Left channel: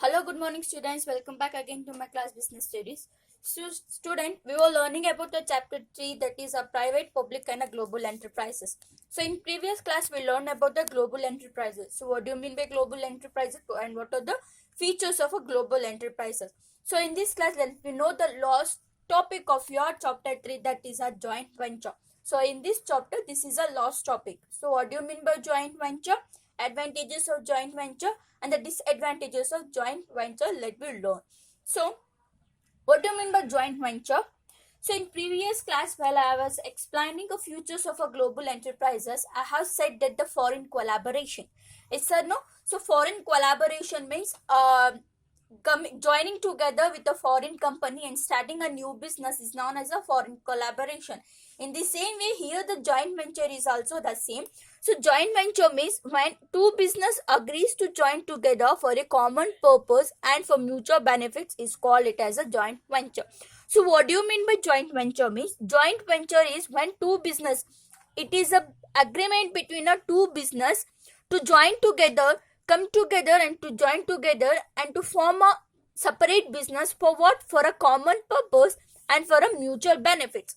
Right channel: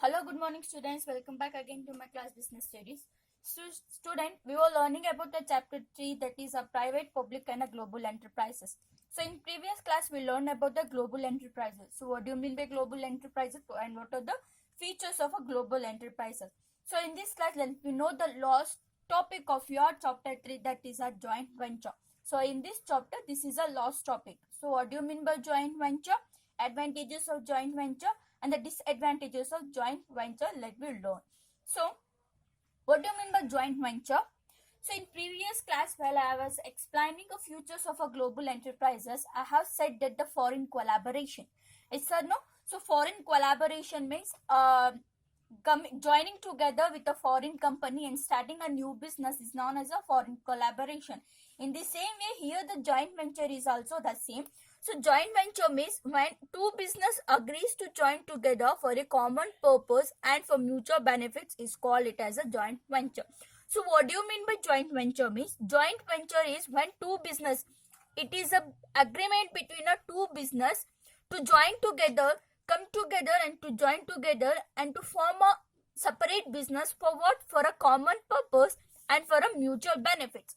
Hello, good morning, students. Welcome back again to my class business studies. Student, we were learning about the chapter 3, that is a private, public, and a global enterprises. So, in previous class, we learned about the global enterprises. So, what do you mean by global enterprises and what are the features of a global enterprises? So, in this class, let me know the last topic of your chapter 3, that is a joint venture. So, in this chapter, this is a last topic. So, what do you mean by joint venture? Advantages of joint venture and the disadvantages of joint venture, let me learn. So what do you mean by joint venture? So in previous class, while I was explaining the futures of a global enterprises, I have said that the foreign collaboration, it's a no. So foreign collaboration means joining together with a foreign company and starting a new business is known as a foreign collaboration. In the same way, here the joint venture is also the same. So joint venture means when two business agrees to join together for a common purpose and for mutual benefits is called it as a joint venture. So what do you mean by joint venture means? Joint venture is when two business, it is a agreement between a two business to join together, come together and to join together and to form a separate business for what? For a common purpose and for a mutual benefits.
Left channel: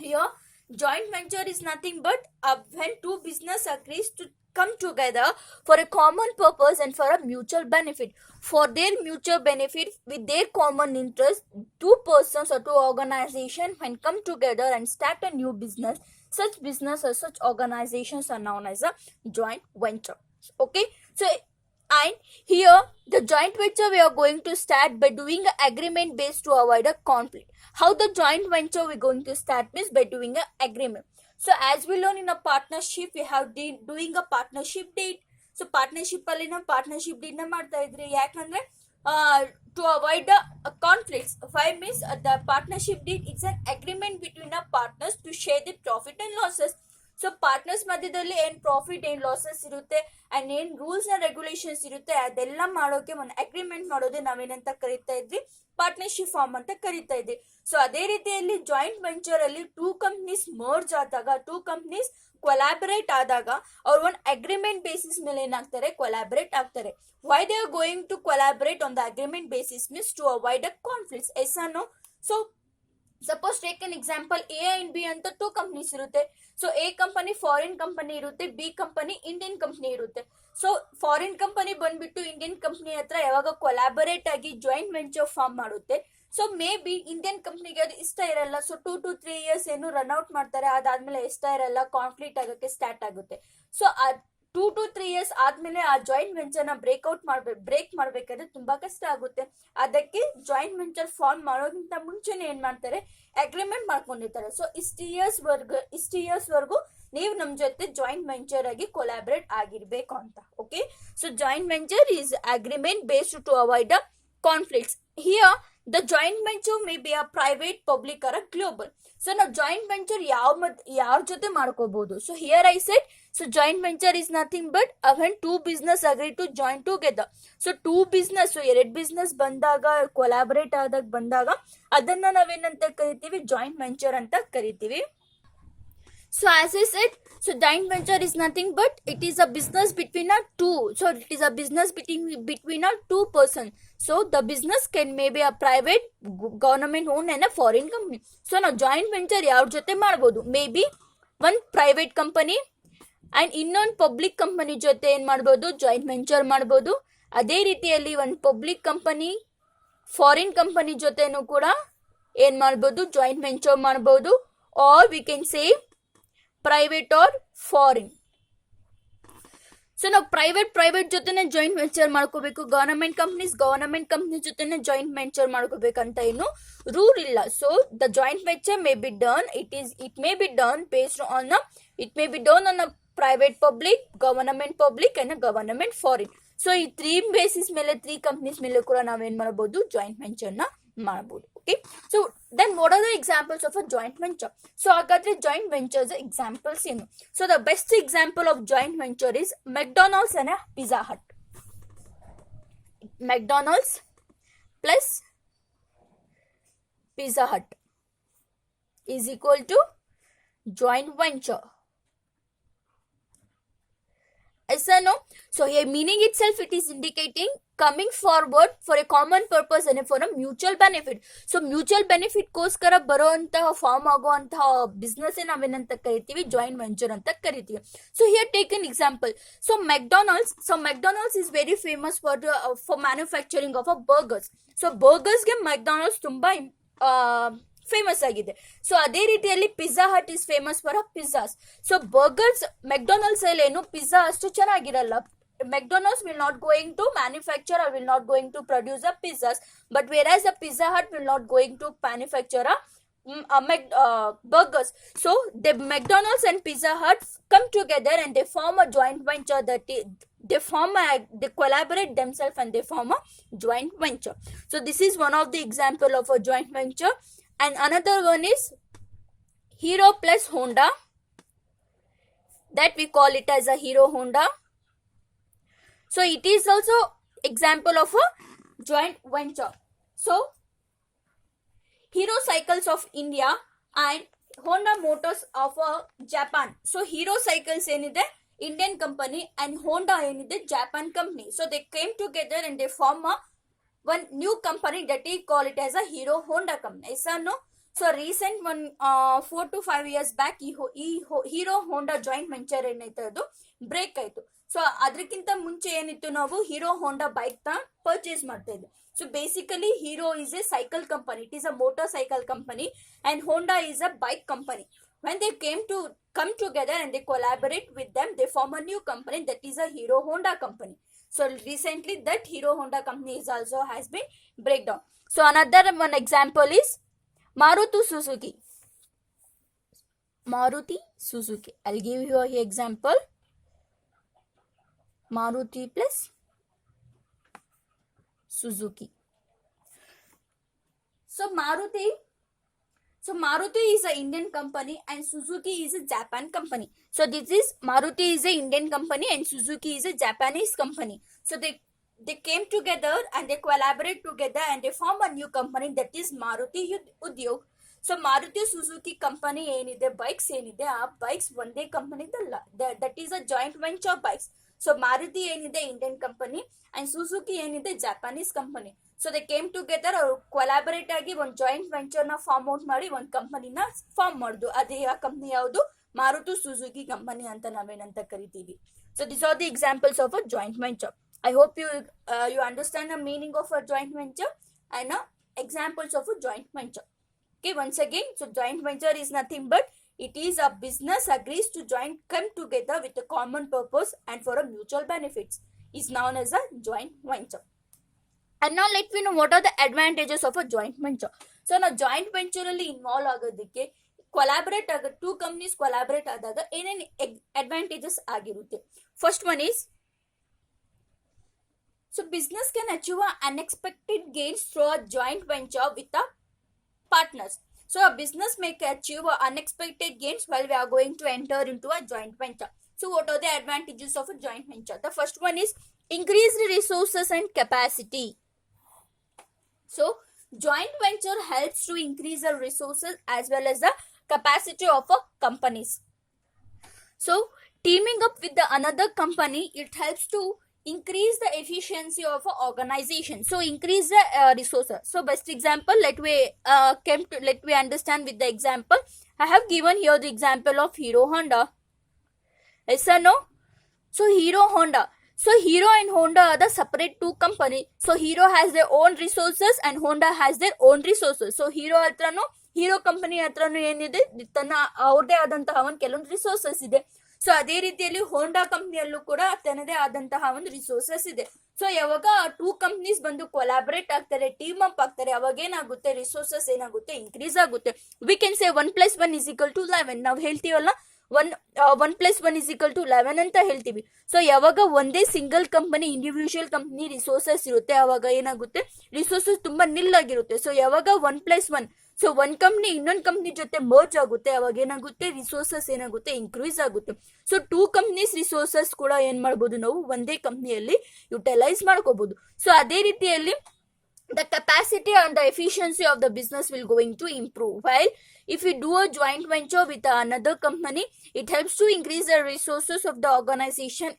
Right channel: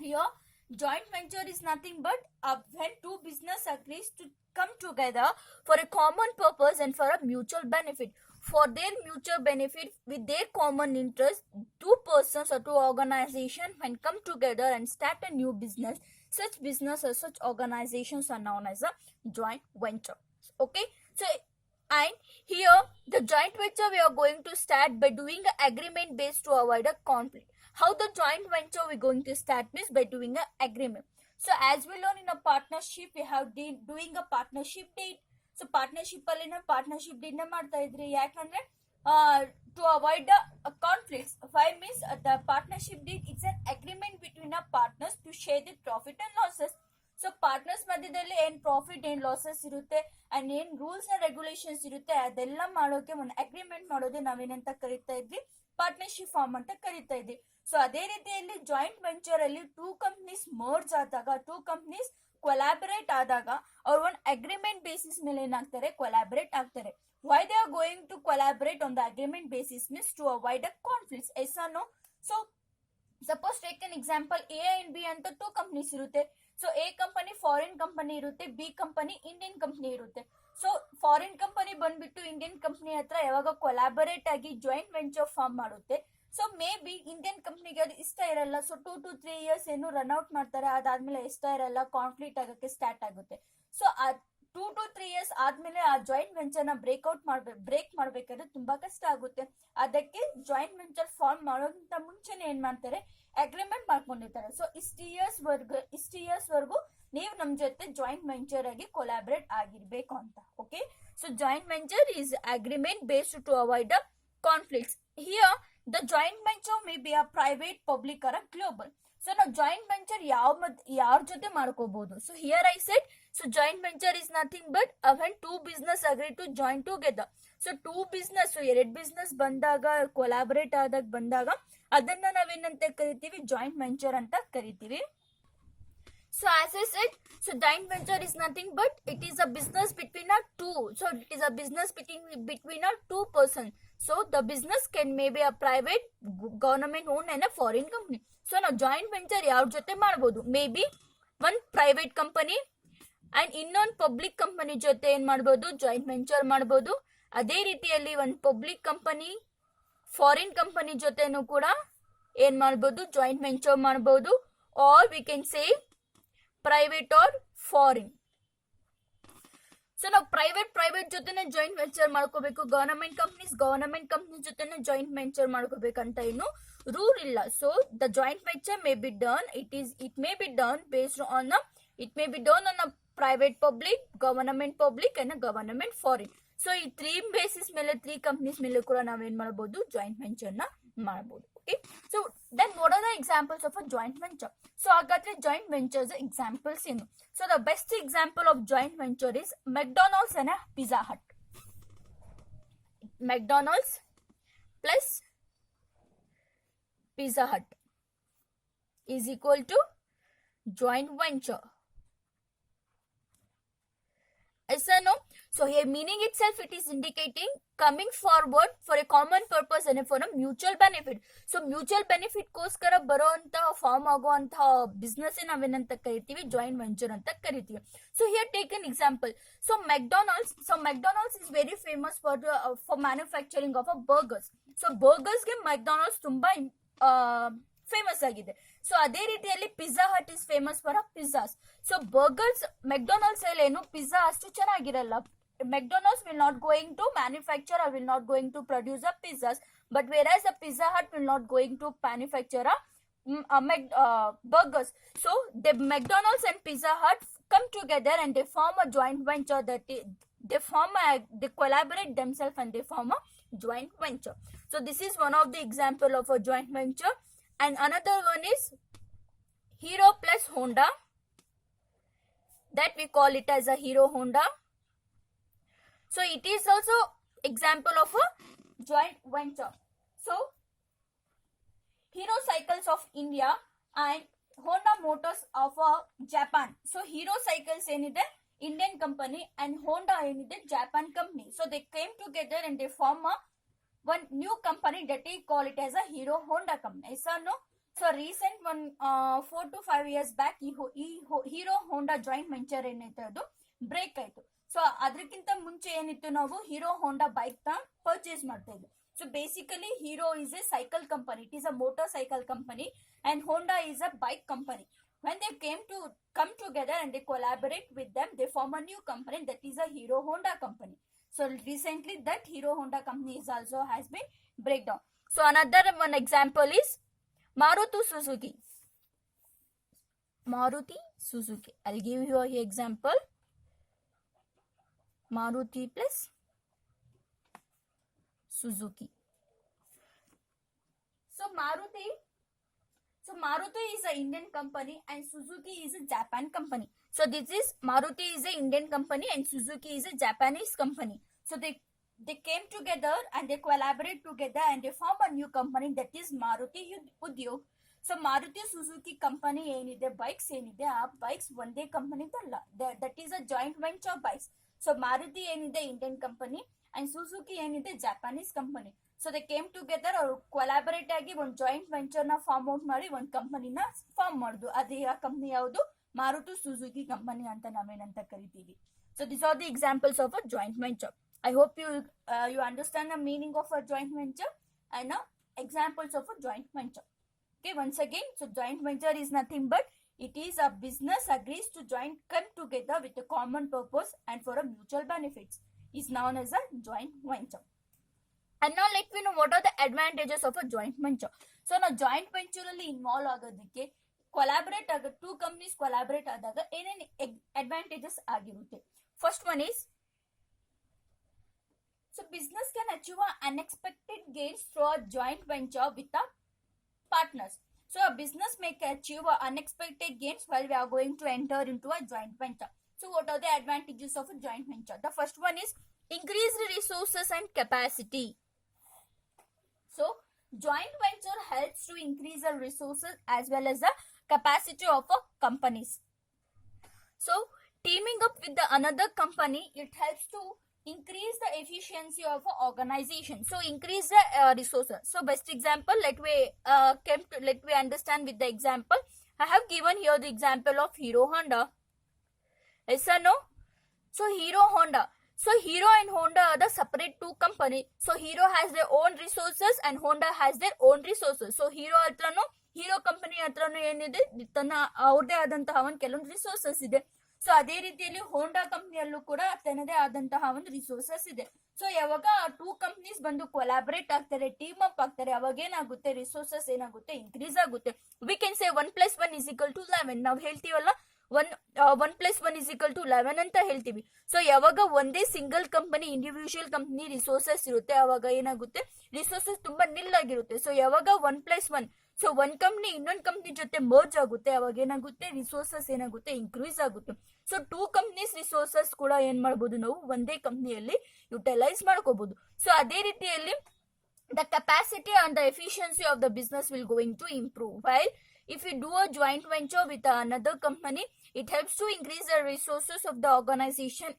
Here joint venture is nothing but when two business agrees to come together for a common purpose and for a mutual benefit. For their mutual benefit with their common interest, two persons or two organizations when come together and start a new business, such business or such organizations are known as a joint venture. Okay, so and here the joint venture we are going to start by doing an agreement based to avoid a conflict. How the joint venture we're going to start means by doing an agreement. So as we learn in a partnership, we have doing a partnership date. So partnership ಅಲ್ಲಿ ನಾವು partnership deed ನ ಮಾಡ್ತಾ ಇದ್ರಿ ಯಾಕಂದ್ರೆ to avoid the conflicts. Why means the partnership deed is an agreement between the partners to share the profit and losses. So partners ಮಧ್ಯದಲ್ಲಿ ಏನ್ profit ಏನ್ losses ಇರುತ್ತೆ ಅಂಡ್ ಏನ್ ರೂಲ್ಸ್ ಅಂಡ್ ರೆಗ್ಯುಲೇಷನ್ಸ್ ಇರುತ್ತೆ ಅದೆಲ್ಲ ಮಾಡೋಕೆ ಒಂದು ಅಗ್ರಿಮೆಂಟ್ ಮಾಡೋದೇ ನಾವೇನಂತ ಕರಿತಾ ಇದ್ವಿ, ಪಾರ್ಟ್ನರ್ಶಿಪ್ ಫಾರ್ಮ್ ಅಂತ ಕರಿತಾ ಇದ್ವಿ. ಸೊ ಅದೇ ರೀತಿಯಲ್ಲಿ ಜಾಯಿಂಟ್ ವೆಂಚರ್ ಅಲ್ಲಿ ಟೂ ಕಂಪ್ನೀಸ್ ಮರ್ಜ್ ಆದಾಗ, ಟೂ ಕಂಪ್ನೀಸ್ ಕೊಲಾಬರೇಟ್ ಆದಾಗ ಅವ್ರು ಒಂದು ಅಗ್ರಿಮೆಂಟ್ ಬೇಸಿಸ್ ಮೇಲೆ ಏನಾಗ್ತಾರೆ, ಕೊಲಾಬರೇಟ್ ಆಗ್ತಾರೆ. Why they are going to collaborate on the agreement basis means to avoid a conflicts. Yes ಅನ್ನೋ. So suppose take an example, A and B ಅಂತ two companies ಇರುತ್ತೆ. So A company foreign company ಇರುತ್ತೆ, B company Indian company ಇರುತ್ತೆ. So foreign company ಬಂದ್ಬಿಟ್ಟು Indian company ಹತ್ರ ಯಾವಾಗ collaborate ಆಗಿ joint venture form ಮಾಡುತ್ತೆ, ಸೊ ಮೇ ಬಿ ಇಂಡಿಯನ್ ಕಂಪ್ನಿಗೆ ಅದು ಇಷ್ಟ ಇರಲ್ಲ. ಸೊ 2 to 3 years ಏನು ರನ್ಔಟ್ ಮಾಡ್ತಾರೆ, ಅದಾದ್ಮೇಲೆ ಇಷ್ಟ ಇರಲ್ಲ, ಕಾನ್ಫ್ಲಿಕ್ಟ್ ಆಗೋಕ್ಕೆ ಸ್ಟಾರ್ಟ್ ಆಗುತ್ತೆ. ಸೊ 2 to 3 years ಆದ್ಮೇಲೆ ಆ ಜಾಯಿಂಟ್ ವೆಂಚರ್ ನ ಬ್ರೇಕ್ ಮಾಡ್ಬೇಕಾದ್ರೆ ತುಂಬಾ ಕಷ್ಟ ಆಗುತ್ತೆ. ಅದಕ್ಕೆ ಜಾಯಿಂಟ್ ವೆಂಚರ್ ಫಾರ್ಮ್ ಮಾಡೋಕ್ಕಿಂತ ಮುಂಚೆನೆ ಏನ್ ಮಾಡ್ತಾರೆ, ಅಗ್ರಿಮೆಂಟ್ ಮಾಡ್ಕೊಂಡಿರ್ತಾರೆ. ಸೊ ಇಷ್ಟು ಇಯರ್ಸ್ ವರ್ಗು ನೀವು ನಮ್ ಜೊತೆ ಜಾಯಿಂಟ್ ವೆಂಚರ್ ಆಗಿ ಕೊಲಾಬರೇಟ್ ಆಗಿರ್ಬೇಕು ಅಂತ. Okay, so joint venture is agreement based to avoid the conflicts. Here the joint venture may be a private, public or global. So ನಾವು ಜಾಯಿಂಟ್ ವೆಂಚರ್ ಯಾರ ಜೊತೆ ಮಾಡ್ಕೋಬಹುದು. So here I said, so joint venture is nothing but when two business agree to join together. So two business, ಎರಡು business ಬಂದಾಗ, collaborate ಆದಾಗ ಬಂದಾಗ ಅದನ್ನ ನಾವೇನಂತ ಕರಿತೀವಿ, ಜಾಯಿಂಟ್ ವೆಂಚರ್ ಅಂತ ಕರಿತೀವಿ. So as I said, so joint venture is nothing but it is a business between a two. So it is a business between a two person. So the business can maybe a private, government owned and a foreign company. So now joint venture ಯಾವ್ರ ಜೊತೆ ಮಾಡ್ಬೋದು, may be one private company and ಇನ್ನೊಂದು public company ಜೊತೆ ಏನ್ ಮಾಡ್ಬೋದು, joint venture ಮಾಡ್ಬೋದು. ಅದೇ ರೀತಿಯಲ್ಲಿ ಒಂದು ಪಬ್ಲಿಕ್ ಕಂಪನಿ ಫಾರಿನ್ ಕಂಪನಿ ಜೊತೆನೂ ಕೂಡ ಏನ್ ಮಾಡ್ಬೋದು, ಜಾಯಿಂಟ್ ವೆಂಚರ್ ಮಾಡ್ಬೋದು. Or we can say private or foreign. So ನಾವು ಪ್ರೈವೇಟ್ ಜೊತೆನೆ ಜಾಯಿಂಟ್ ವೆಂಚರ್ ಮಾಡ್ಕೋಬೇಕು, ಗವರ್ನಮೆಂಟ್ ಕಂಪ್ನಿ ಜೊತೆನೆ ಜಾಯಿಂಟ್ ವೆಂಚರ್ ಮಾಡ್ಕೋಬೇಕಂತ ಏನು ರೂಲ್ ಇಲ್ಲ. So the joint venture may be done, it may be done based on a private public, government public and government foreign. So ಈ 3 basis ಮೇಲೆ, 3 companies ಮೇಲೆ ಕೂಡ ನಾವೇನ್ ಮಾಡಬಹುದು, ಜಾಯಿಂಟ್ ವೆಂಚರ್ ನ ಮಾಡಬಹುದು. Okay, so then what are the examples of a joint venture? So ಹಾಗಾದ್ರೆ joint ventures examples ಏನು? So the best example of joint venture is McDonald's and Pizza Hut. McDonald's plus Pizza Hut is equal to joint venture. Yes or no? So here meaning itself it is indicating coming forward for a common purpose and for a mutual benefit. So mutual benefit ಗೋಸ್ಕರ ಬರುವಂತಹ form ಆಗುವಂತಹ business ನಾವೇನಂತ ಕರಿತೀವಿ joint venture ಅಂತ ಕರಿತೀವಿ. So here take an example. So McDonald's is very famous for manufacturing of burgers. So burgers ಗೆ McDonald's ತುಂಬಾ famous ಆಗಿದೆ. ಸೊ ಅದೇ ರೀತಿಯಲ್ಲಿ pizza hut is famous for pizzas. So burgers McDonald's ಅಲ್ಲಿ ಏನು ಪಿಜ್ಜಾ ಅಷ್ಟು ಚೆನ್ನಾಗಿರಲ್ಲ. McDonald's will not going to manufacture or will not going to produce a pizzas, but whereas a Pizza Hut will not going to manufacture burgers. So the McDonald's and Pizza Hut come together and they form a joint venture that they collaborate themselves and they form a joint venture. So this is one of the example of a joint venture. And another one is Hero plus Honda, that we call it as a Hero Honda. So it is also example of a joint venture. So Hero Cycles of India and Honda Motors of Japan. So Hero Cycles ಏನಿದೆ Indian company and Honda ಏನಿದೆ Japan company. So they came together and they form one new company that we call it as a Hero Honda company. Yes or no? So recent one 4 to 5 years back Hero Honda joint venture ಏನಾಯ್ತು ಅದು break ಆಯ್ತು. So ಅದಕ್ಕಿಂತ ಮುಂಚೆ ಏನಿತ್ತು ನಾವು hero Honda bike ನ purchase ಮಾಡ್ತಾ ಇದ್ದೆ. So basically hero is A cycle company, it is a motor cycle company and Honda is a bike company. when they come together and they collaborate with them, they form a new company that is a Hero Honda company. So recently that Hero Honda company is also has been breakdown. So another one example is Maruti Suzuki. I'll give you an example. Maruti plus Suzuki. So Maruti is an Indian company and Suzuki is a Japan company. So this is Maruti is a Indian company and Suzuki is a Japanese company. So they came together and they collaborate together and they form a new company that is Maruti Udyog. So Maruti Suzuki company ಏನಿದೆ bikes ಏನಿದೆ ಆ bikes ಒಂದೇ ಕಂಪನಿದಲ್ಲ, that is a joint venture bikes. So Maruti ಏನಿದೆ Indian company and Suzuki ಏನಿದೆ ಜಾಪಾನೀಸ್ company. So they came together, ಅವರು collaborate ಆಗಿ ಒಂದು joint venture ನ ಫಾರ್ಮ್ ಔಟ್ ಮಾಡಿ ಒಂದು ಕಂಪನಿನ ಫಾರ್ಮ್ ಮಾಡುದು. ಅದೇ ಆ ಕಂಪನಿ ಯಾವುದು? ಮಾರುತಿ ಸುಜುಕಿ ಕಂಪನಿ ಅಂತ ನಾವೇನಂತ ಕರಿತೀವಿ. So this are the examples of a joint venture. I hope you understand the meaning of a joint venture and examples of a joint venture. Okay, once again, so joint venture is nothing but it is a business agrees to come together with a common purpose and for a mutual benefits is known as a joint venture. And now let me know what are the advantages of a joint venture. So now joint venture ಅಲ್ಲಿ involve ಆಗೋದಕ್ಕೆ collaborate ಆಗ two companies collaborate ಆದಾಗ ಏನೇನು advantages ಆಗಿರುತ್ತೆ. First one is so business can achieve unexpected gains through a joint venture with a partners. So a business may achieve unexpected gains while we are going to enter into a joint venture. So what are the advantages of a joint venture? The first one is increased resources and capacity. So joint venture helps to increase the resources as well as the capacity of a companies. So teaming up with the another company, it helps to increase the efficiency of an organization. So increase the resources. So best example, let we understand with the example. I have given here the example of Hero Honda. Yes or no? So Hero Honda. So Hero and Honda are the separate two companies. So Hero has their own resources and Honda has their own resources. So Hero company hatrano ಏನಿದೆ ತನ್ನ ಅವ್ರದೇ ಆದಂತಹ ಒಂದು ಕೆಲವೊಂದು resources ಇದೆ. So ಅದೇ ರೀತಿಯಲ್ಲಿ ಹೋಂಡಾ ಕಂಪ್ನಿಯಲ್ಲೂ ಕೂಡ ತನ್ನದೇ ಆದಂತಹ ಒಂದು ರಿಸೋರ್ಸಸ್ ಇದೆ. ಸೊ ಯಾವಾಗ ಟೂ ಕಂಪ್ನೀಸ್ ಬಂದು ಕೊಲಾಬರೇಟ್ ಆಗ್ತಾರೆ, ಟೀಮ್ ಅಪ್ ಆಗ್ತಾರೆ, ಅವಾಗ ಏನಾಗುತ್ತೆ, ರಿಸೋರ್ಸಸ್ ಏನಾಗುತ್ತೆ, ಇನ್ಕ್ರೀಸ್ ಆಗುತ್ತೆ. ವಿ ಕ್ಯಾನ್ ಸೇ 1+1 = 11. ನಾವು ಹೇಳ್ತೀವಲ್ಲ 1 + 1 = 11 ಅಂತ ಹೇಳ್ತೀವಿ. ಸೊ ಯಾವಾಗ ಒಂದೇ single company individual company resources ಇರುತ್ತೆ ಅವಾಗ ಏನಾಗುತ್ತೆ, ರಿಸೋರ್ಸಸ್ ತುಂಬಾ ನಿಲ್ಲಾಗಿರುತ್ತೆ. ಸೊ ಯಾವಾಗ 1+1, ಸೊ ಒಂದ್ ಕಂಪ್ನಿ ಇನ್ನೊಂದು ಕಂಪ್ನಿ ಜೊತೆ ಮರ್ಜ್ ಆಗುತ್ತೆ ಅವಾಗ ಏನಾಗುತ್ತೆ, ರಿಸೋರ್ಸಸ್ ಏನಾಗುತ್ತೆ, ಇನ್ಕ್ರೀಸ್ ಆಗುತ್ತೆ. ಸೊ ಟೂ ಕಂಪ್ನೀಸ್ ರಿಸೋರ್ಸಸ್ ಕೂಡ ಏನ್ ಮಾಡ್ಬೋದು, ನಾವು ಒಂದೇ ಕಂಪ್ನಿಯಲ್ಲಿ ಯುಟಿಲೈಸ್ ಮಾಡ್ಕೋಬಹುದು. ಸೊ ಅದೇ ರೀತಿಯಲ್ಲಿ the capacity and the efficiency of the business will going to improve while if we do a joint venture with another company, it helps to increase the resources of the organization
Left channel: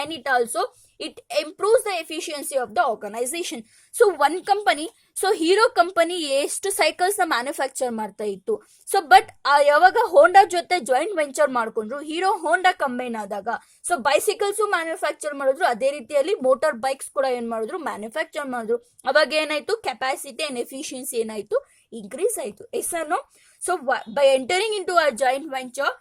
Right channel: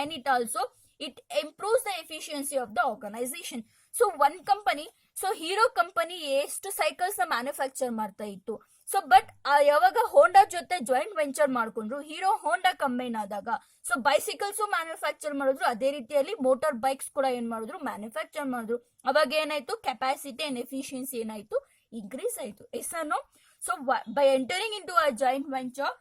and it also it improves the efficiency of the organization. So one company, so hero company ಎಷ್ಟು cycles ನ manufacture ಮಾಡ್ತಾ ಇತ್ತು. So but ಯಾವಾಗ ಹೋಂಡಾ ಜೊತೆ joint venture ಮಾಡ್ಕೊಂಡ್ರು, hero ಹೋಂಡಾ combine ಆದಾಗ so bicycles manufacture ಮಾಡಿದ್ರು, ಅದೇ ರೀತಿಯಲ್ಲಿ ಮೋಟಾರ್ ಬೈಕ್ಸ್ ಕೂಡ ಏನ್ ಮಾಡಿದ್ರು, ಮ್ಯಾನುಫ್ಯಾಕ್ಚರ್ ಮಾಡಿದ್ರು. ಅವಾಗ ಏನಾಯ್ತು, ಕೆಪಾಸಿಟಿ ಅಂಡ್ ಎಫಿಷಿಯನ್ಸಿ ಏನಾಯ್ತು, ಇನ್ಕ್ರೀಸ್ ಆಯ್ತು. ಎಸ್ಸನ್ನು so by entering in to a joint venture,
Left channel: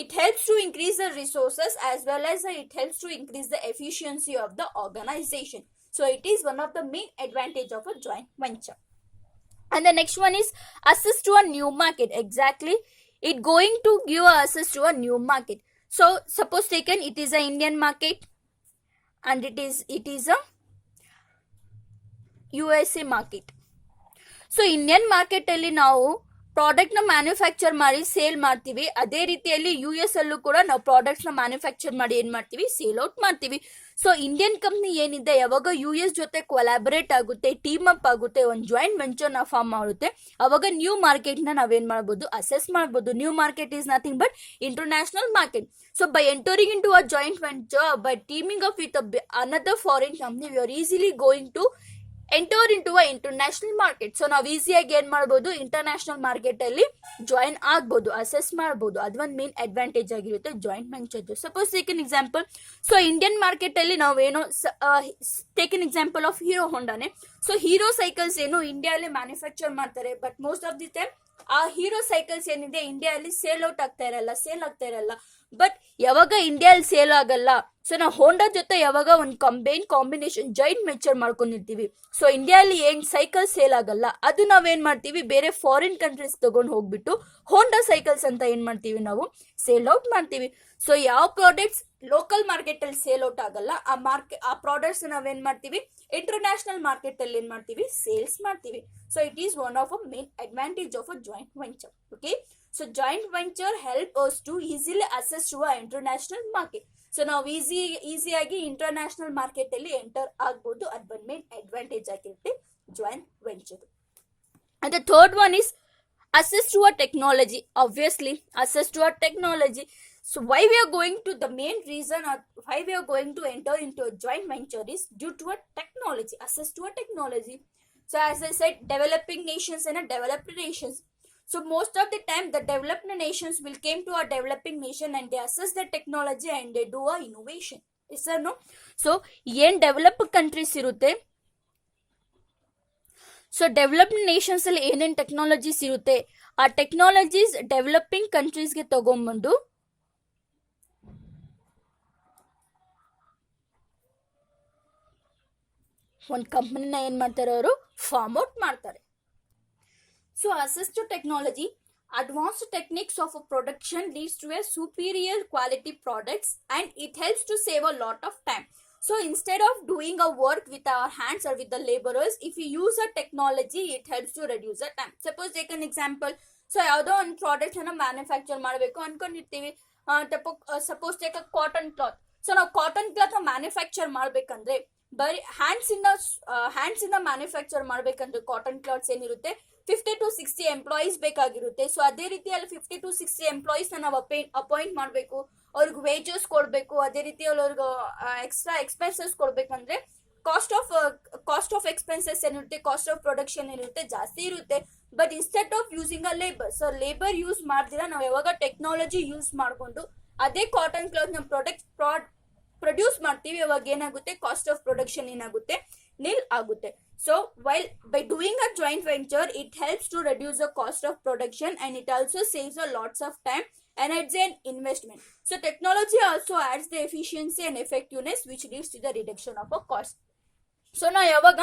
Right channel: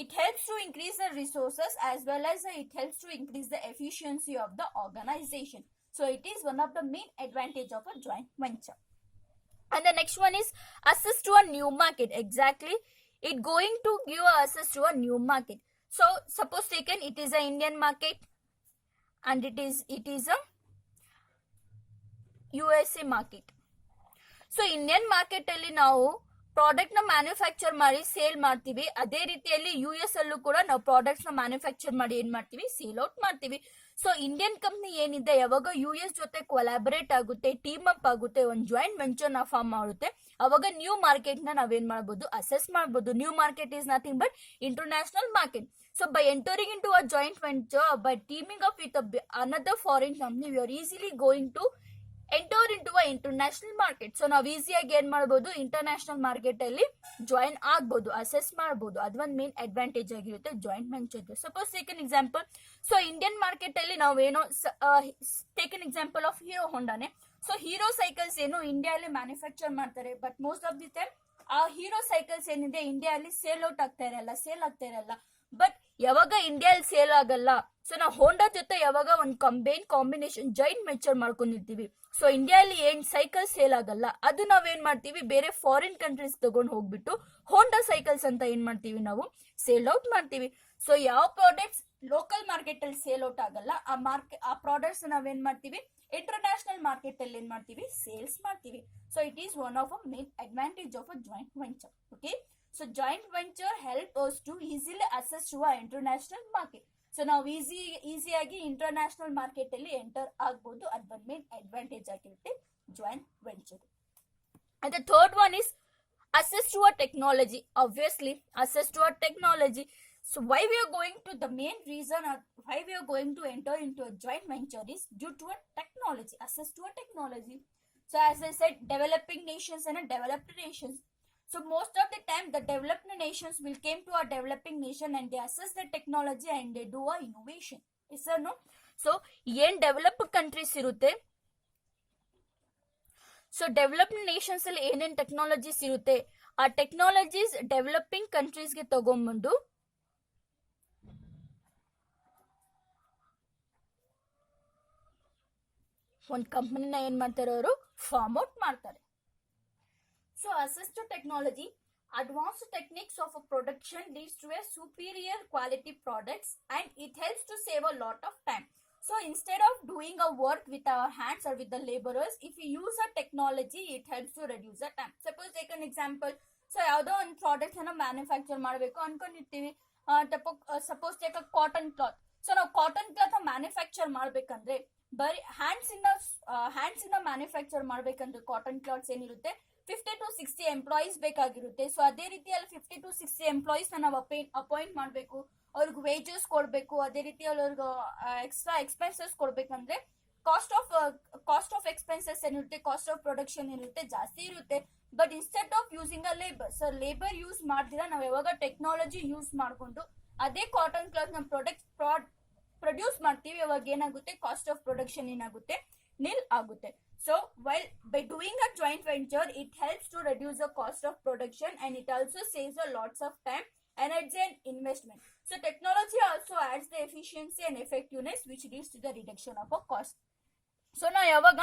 it helps to increase the resources as well as it helps to increase the efficiency of the organization. So it is one of the main advantage of a joint venture. And the next one is access to a new market. Exactly, it going to give access to a new market. So suppose taken it is a Indian market and it is a USA market. So Indian market ಅಲ್ಲಿ ನಾವು product ನ manufacture ಮಾಡಿ sale ಮಾಡ್ತೀವಿ. ಅದೇ ರೀತಿಯಲ್ಲಿ US ಅಲ್ಲೂ ಕೂಡ ನಾವು ಪ್ರಾಡಕ್ಟ್ಸ್ ನ ಮ್ಯಾನುಫ್ಯಾಕ್ಚರ್ ಮಾಡಿ ಏನ್ ಮಾಡ್ತೀವಿ, ಸೇಲ್ ಔಟ್ ಮಾಡ್ತೀವಿ. ಸೊ ಇಂಡಿಯನ್ ಕಂಪ್ನಿ ಏನಿದೆ, ಯಾವಾಗ US ಜೊತೆ ಕೊಲಾಬರೇಟ್ ಆಗುತ್ತೆ, ಟೀಮ್ ಅಪ್ ಆಗುತ್ತೆ, ಒಂದು ಜಾಯಿಂಟ್ ವೆಂಚರ್ ನ ಫಾರ್ಮ್ ಮಾಡುತ್ತೆ, ಅವಾಗ ನ್ಯೂ ಮಾರ್ಕೆಟ್ ನ ನಾವೇನ್ ಮಾಡ್ಬೋದು, ಅಸೆಸ್ ಮಾಡ್ಬೋದು. New market is nothing but international market. So by entering in to a joint venture, by teaming up with another foreign company, we are easily going to enter in to a international market. So ನಾವು ಈಸಿಯಾಗಿ ಏನ್ ಮಾಡ್ಬೋದು, international market ಅಲ್ಲಿ join ಆಗ್ಬೋದು, assess ಮಾಡ್ಬೋದು. ಅದೊಂದು main advantage ಆಗಿರುತ್ತೆ joint venture. Suppose take an example, so Indian market ಅಲ್ಲಿ ನಾವೇನೋ take an example of Hero ಹೊಂಡಾನೆ. So hero cycles ಏನು ಇಂಡಿಯಾದಲ್ಲಿ ಮ್ಯಾನುಫ್ಯಾಕ್ಚರ್ ಮಾಡ್ತಾರೆ, but most of the time ಆ ಹೀರೋ ಸೈಕಲ್ಸ್ ಏನಿದೆ ಇಂಡಿಯಾದಲ್ಲಿ ಸೇಲ್ ಔಟ್ ಆಗ್ತಾ ಇರಲ್ಲ. ಬಟ್ ಯಾವಾಗ ಇಂಡಿಯಾದಲ್ಲಿ ಸೇಲ್ ಆಗಲ್ಲ, ಸೊ ನಾವು ಹೋಂಡಾ ಜೊತೆ ಯಾವಾಗ ಒಂದು ಕಾಂಬಿನೇಷನ್ ಜಾಯಿಂಟ್ ವೆಂಚರ್ ಮಾಡ್ಕೊಂಡಿರ್ತೀವಿ, ಸೊ ಇಂಡಿಯಾದಲ್ಲಿ ಏನ್ ಸೈಕಲ್ ಸೇಲ್ ಆಗಲ್ಲ, ಅದು ನಾವೇನ್ ಮಾಡ್ತೀವಿ, ಬೇರೆ ಫಾರಿನ್ ಕಂಟ್ರೀಸ್ ತಗೊಂಡು ಹೋಗ್ಬಿಟ್ಟು ಹೋಂಡಾ ಸೈಕಲ್ಸ್ ಅಂತ ಏನ್ ಮಾಡ್ತೀವಿ, ನಾವು ಸೇಲ್ ಔಟ್ ಮಾಡ್ತೀವಿ. ಸೊ ಯಾವ ಪ್ರಾಡಕ್ಟ್ಸ್ ಲೋಕಲ್ ಮಾರ್ಕೆಟ್ ಅಲ್ಲಿ ಸೇಲ್ ಔಟ್ ಆಗಲ್ಲ, ಆ ಪ್ರಾಡಕ್ಟ್ಸ್ ನಾವೇನ್ ಮಾಡ್ತೀವಿ, ಇಂಟರ್ನ್ಯಾಷನಲ್ ಮಾರ್ಕೆಟ್ ಅಲ್ಲಿ ಏನ್ ಮಾಡ್ತೀವಿ, ಸೇಲ್ಸ್ ಮಾಡ್ತೀವಿ. So it is one of a main advantage of a joint venture. Okay, so joint venture help us to easily access to a international market. So ನಾವು ಈಸಿಯಾಗಿ ಇಂಟರ್ನ್ಯಾಷನಲ್ ಮಾರ್ಕೆಟ್ ಅಲ್ಲಿ enter ಆಗ್ಬೋದು. ಅದು ಬಂದ ಮೇನ್ ಅಡ್ವಾಂಟೇಜ್ ಆಗಿರುತ್ತೆ joint venture. And the third one is access to a technology. Obviously, access to a technology. So why we are going to, the main reason why we are going to enter into a joint venture is due to a technology, access to a technology. So as I said, developing nations and a developed nations. So most of the time the developed nations will came to a developing nation and they assess the technology and they do a innovation. Yes or no? So ಏನ್ developed countries ಇರುತ್ತೆ, so developed Nations ಅಲ್ಲಿ ಏನೇನ್ technologies ಇರುತ್ತೆ, ಆ technologies developing ಕಂಟ್ರೀಸ್ಗೆ ತಗೊಂಡ್ಬಂದು ಒಂದು ಕಂಪನಿನ ಏನ್ ಮಾಡ್ತಾರೆ, ಅವರು ಫಾರ್ಮ್ ಔಟ್ ಮಾಡ್ತಾರೆ. So access to technology, advanced techniques of a production leads to a superior quality products and it helps to save a lot of time. So instead of doing a work with our hands or with the laborers, if we use a technology, it helps to reduce the time. Suppose take an example. So ಯಾವುದೋ ಒಂದು product ಅನ್ನ manufacture ಮಾಡಬೇಕು ಅನ್ಕೊಂಡಿರ್ತೀವಿ. Suppose take a cotton cloth. So ನಾವು cotton cloth manufacture ಮಾಡ್ಬೇಕಂದ್ರೆ ಬರೀ hands ಇಂದ manufacture ಮಾಡ್ಬೇಕಂದ್ರೆ ಕಾಟನ್ ಕ್ಲಾತ್ಸ್ ಏನಿರುತ್ತೆ 50 to 60 ಎಂಪ್ಲಾಯೀಸ್ ಬೇಕಾಗಿರುತ್ತೆ. ಸೊ ಅದೇ ರೀತಿಯಲ್ಲಿ 50 to 60 ಎಂಪ್ಲಾಯೀಸ್ ನಾವು ಅಪಾಯಿಂಟ್ ಮಾಡಬೇಕು, ಅವ್ರಿಗೆ ವೇಜಸ್ ಕೊಡಬೇಕು, ಅದೇ ರೀತಿಯಲ್ಲಿ ಅವ್ರಿಗೆ ಎಕ್ಸ್ಟ್ರಾ ಎಕ್ಸ್ಪೆನ್ಸಸ್ ಕೊಡ್ಬೇಕಂದ್ರೆ ಕಾಸ್ಟ್ ಆಫ್ ಎಕ್ಸ್ಪೆನ್ಸಸ್ ಏನಿರುತ್ತೆ, ಕಾಸ್ಟ್ ಆಫ್ ಪ್ರೊಡಕ್ಷನ್ ಏನಿರುತ್ತೆ ಜಾಸ್ತಿ ಇರುತ್ತೆ. But instead of using a labour, so labour use ಮಾಡ್ದಿರ ನಾವು ಯಾವಾಗ ಟೆಕ್ನಾಲಜಿ ಯೂಸ್ ಮಾಡ್ಕೊಂಡು ಅದೇ ಕಾಟನ್ ಕ್ಲಾತ್ ನಮ್ಮ ಪ್ರೊಡ್ಯೂಸ್ ಮಾಡ್ತೀವಿ, ಅವಾಗ ಏನಾಗುತ್ತೆ, ಕಾಸ್ಟ್ ಆಫ್ ಪ್ರೊಡಕ್ಷನ್ ಏನಾಗುತ್ತೆ, nil ಆಗುತ್ತೆ. So while by doing a joint venture, it helps to reduce the cost of production and it also saves a lots of time, energy and investment. So technology also adds the efficiency and effectiveness which leads to the reduction of a cost. So ನಾವು ಯಾವಾಗ